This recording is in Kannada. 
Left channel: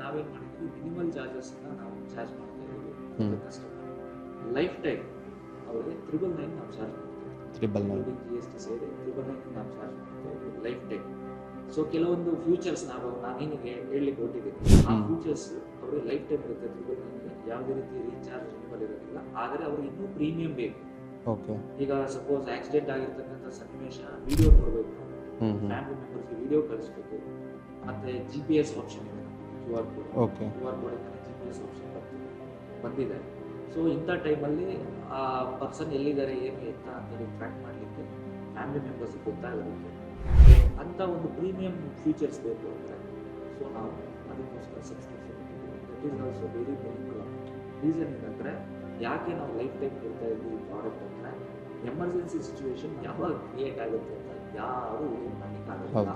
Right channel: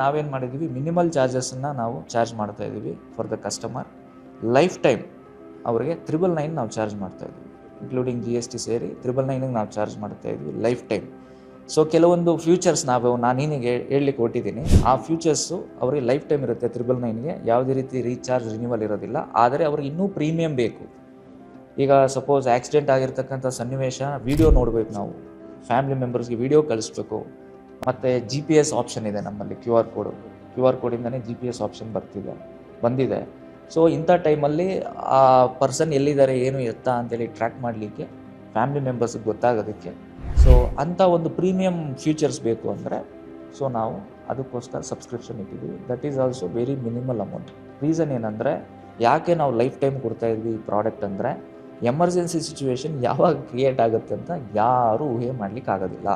ನಾವೇನು ಮಾಡಿದ್ದೀವಿ, ಮಿನಿಮಲ್ ಚಾರ್ಜಸ್ಸನ್ನು ನಾವು ಚಾರ್ಜ್ ಮಾಡ್ತಾ ಇದ್ದೀವಿ for the customer. Life time ಅವರಿಗೆ 999 ನಾವು ಚಾರ್ಜ್ ಮಾಡ್ತಾ ಇದ್ದೀವಿ, ಇನ್ಕ್ಲೂಡಿಂಗ್ GST ಸೇರಿ 999 ನಾವು ಚಾರ್ಜ್ ಮಾಡ್ತಾ ಇದ್ವಿ ಲೈಫ್ ಟೈಮ್. ಸೊ ಕೆಲವೊಂದು ಫ್ಯೂಚರ್ಸ್ ನಾನು ನಿನಗೆ ಹೇಳಲಿಕ್ಕೆ ಹೊಟ್ಟಿದ್ದೀನಿ. ಆ ಫ್ಯೂಚರ್ಸು ಅವ್ರಿಗೆ ಲೈಫ್ ಟೈಮ್ ಇರುತ್ತೆ. 999ಗೆ ಯಾವುದೇ ರೀತಿ ರೀಚಾರ್ಜ್ ರಿನ್ಯೂವಲ್ ಇರೋದಿಲ್ಲ. ಆದರೆ ಅವ್ರಿಗೆ ಇನ್ನೂ ಪ್ರೀಮಿಯಂ ಬೇಕು. ಓಕೆ, ಈಗ ಸಪೋಸ್ ಆಕ್ಸಿಡೆಂಟ್ ಆಗಿರ್ತಕ್ಕಂಥ ಸನ್ನಿವೇಶ ವಿಡಿಯೋ ನೋಡಬೇಕು, ನಾವು ಫ್ಯಾಮಿಲಿ ಮೆಂಬರ್ಸ್ಗೆ ವಿಡಿಯೋ ಕಳಿಸ್ಬೇಕು. ಮತ್ತು GPS ಆಪ್ಷನ್ ಇದೆ ನಮ್ಮಲ್ಲಿ, QR code. QR ಕೋಡಿಂದನೇ GPS option ಬಂದಿದೆ. ಸೊ ಇಂಥ ಟೈಮಲ್ಲಿ ಆ ಪರ್ಸನ್ ಎಲ್ಲಿದ್ದಾರೆ, ಏನು ಎತ್ತ ಅಂತೇಳಿ ಟ್ರ್ಯಾಕ್ ಮಾಡಲಿಕ್ಕೆ ಫ್ಯಾಮಿಲಿ ಮೆಂಬರ್ಸ್ಗೆ ಗೊತ್ತಾಗೋದಕ್ಕೆ. ಸೊ ಅಂಥ ಒಂದು ಪ್ರೀಮಿಯಂ ಫೀಚರ್ಸ್ ಬೇಕು ಅಂದರೆ ಸೊ ನಾವು ಅದಕ್ಕೋಸ್ಕರ ಸಬ್ಸ್ಕ್ರಿಪ್ಷನ್ ಇಟ್ಟಿದ್ದೀವಿ. That is also very minimal amount. Reason ಏನಂದರೆ, ಯಾಕೆ ನಾವು ಲೈಫ್ ಟೈಮ್ ಕೊಡ್ತಾ ಇದ್ವಿ ಈ ಪ್ರಾಡಕ್ಟ್ ಅಂದರೆ, ಎಮರ್ಜೆನ್ಸಿ ಸಿಚುವೇಶನ್ ಯಾವಾಗ ಕ್ರಿಯೇಟ್ ಆಗುತ್ತೆ ಅಂತ ಯಾರೂ ಊಹೆ ಮಾಡಲಿಕ್ಕೆ ಆಗೋದಿಲ್ಲ.